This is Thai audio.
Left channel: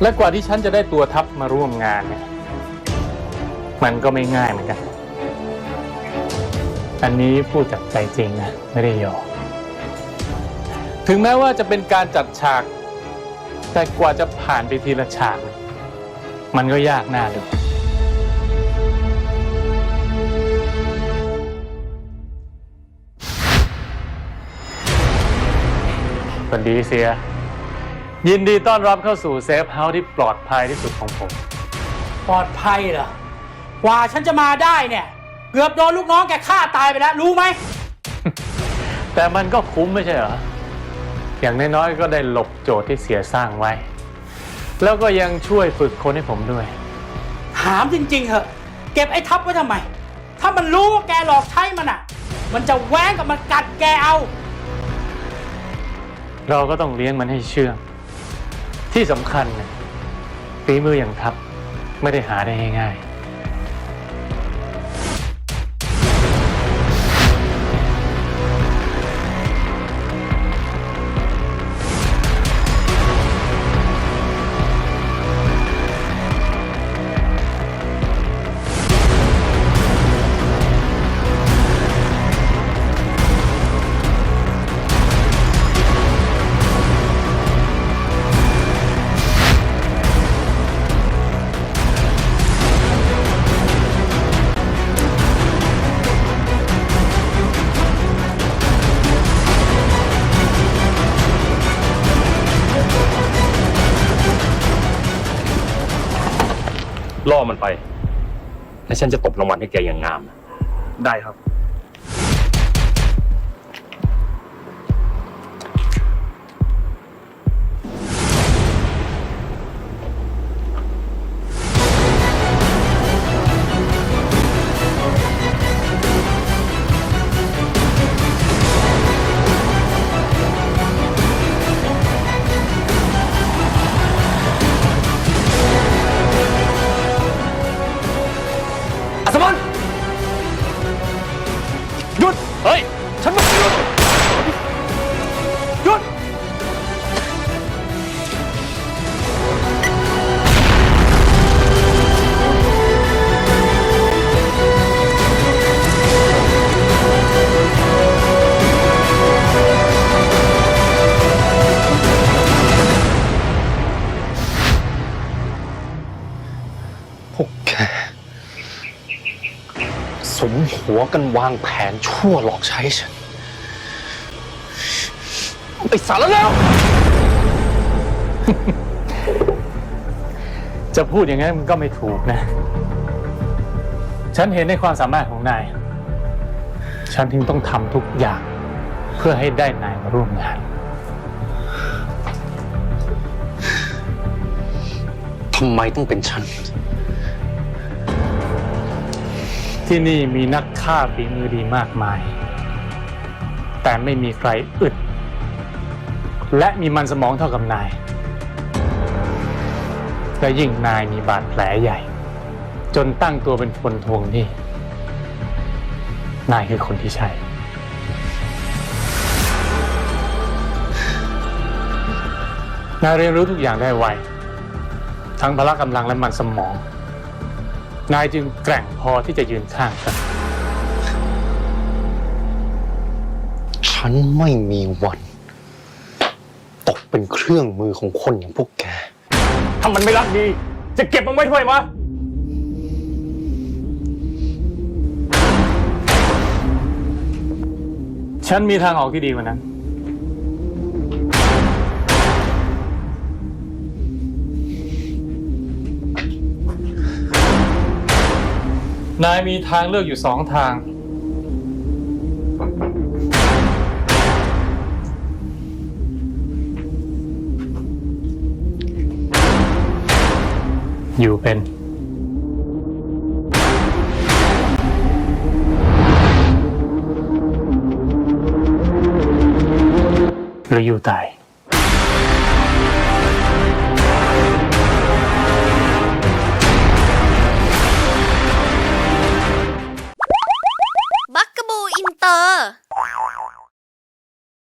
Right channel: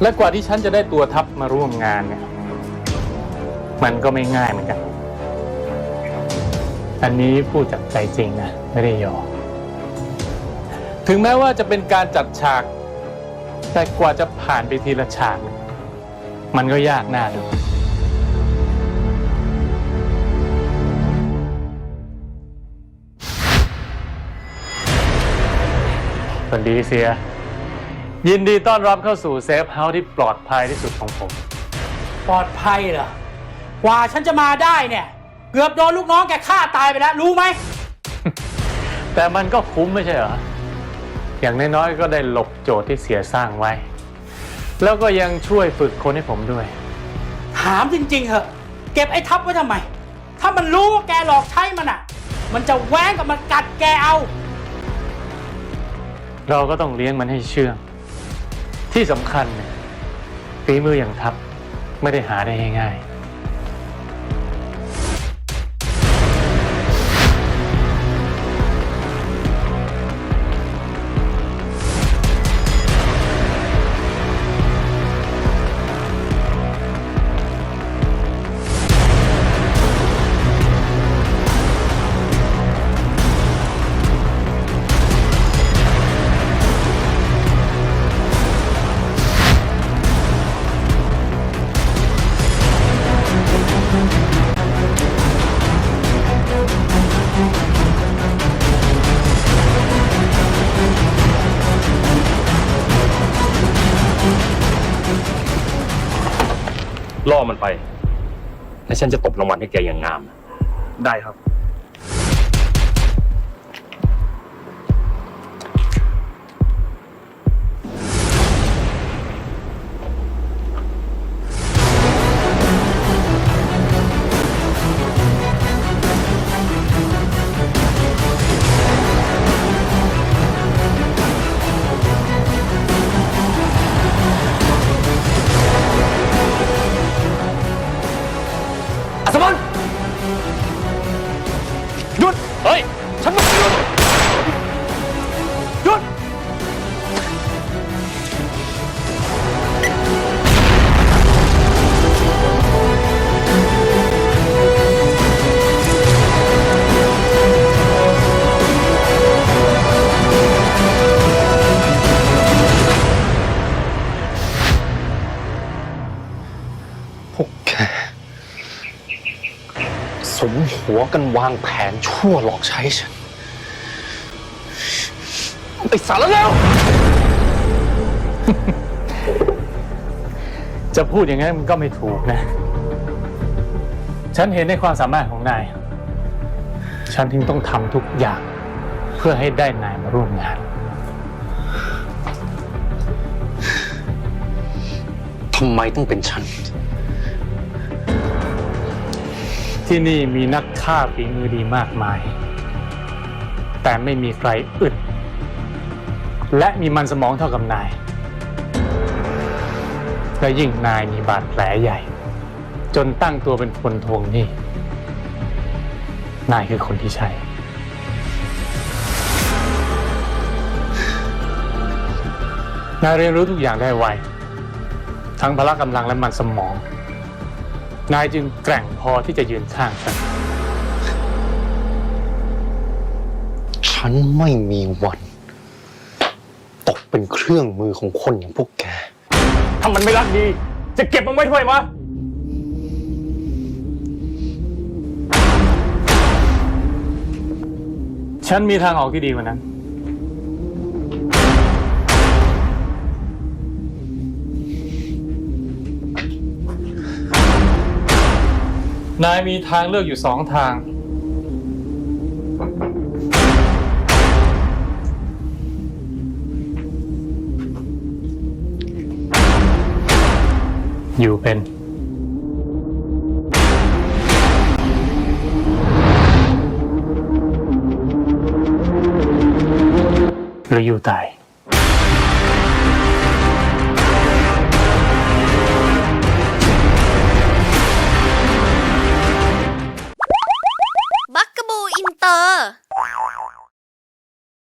และกว่าที่ฉันจะได้ตัวทัพมาร่วมงานเนี่ย มันก็ไม่ง่ายเหมือนกัน อันนี้พูดจากใจจริงนะ ไม่ได้หยอกถึงแม้ว่าจะเป็นการจัดฉาก แต่กว่าจะผ่านไปทีละฉาก มันก็ยากหน้าดูสวัสดีเสีย ยินดีต้อนรับเข้าสู่เซฟเฮาส์ที่ปลอดภัยที่สุดของผม ปลอดภัยเหรอ กว่าฉันจะมาได้เนี่ย เกือบโดนลูกน้องแกฆ่าตายไปแล้ว รู้ไหม แต่มันก็คุ้มไม่ใช่เหรอ อย่างน้อยๆก็ได้หลบโจทย์ที่เสียสร้างไว้ แล้วก็ยังช่วยฝึกคนให้ผมด้วย ถามจริง ๆเหอะ เก็บไอ้ทับไว้ทำไม ถ้ามันรู้ว่าแกหลอกใช้มันอะ มันจะแหว้งกับมันกัดแกเอา เราก็ต้องเลี้ยงมันให้เชื่อง ที่สำคัญเนี่ยฝีมืออย่างทัพไม่ได้หาได้ง่ายๆ ล่อมันไป และฉันจะตบรางวัลให้แกอย่างงาม ได้ครับ อัศ สมหัวกันวางแผนชั่วหลอกใช้ฉันไอ้สารแล้ว จะพูดอย่างนั้นมันก็ไม่ถูกนะ ฉันเห็นในความสามารถของนาย ฉันถึงต้องทำทุกอย่าง เพื่อให้ได้นายมาร่วมงานทำไมต้องเป็นฉัน ที่นี่มีนักฆ่าฝีมือดีมากมาย แต่ไม่มีใครอึด และมีมันสมองเท่ากับนาย และยิ่งนายมีบาดแผลใหญ่ จนตั้งตัวเป็นคนทวงหนี้ นายคือคนที่ใช่ นายเรียนรู้ทุกอย่างได้ไว ทั้งพละกำลังและมันสมอง นายจึงแกร่งพอที่จะยืนข้างฉัน ฉันไม่มีวัน ตกเป็นเครื่องมือของคนอย่างพวกแก ถ้ามันไม่รักดี จะเก็บมันไว้ทำไมวะ ฉันมีทางออกที่ดีกว่านั้น นายมีทางเลือกอยู่สองทาง อยู่เป็น หรืออยู่ตาย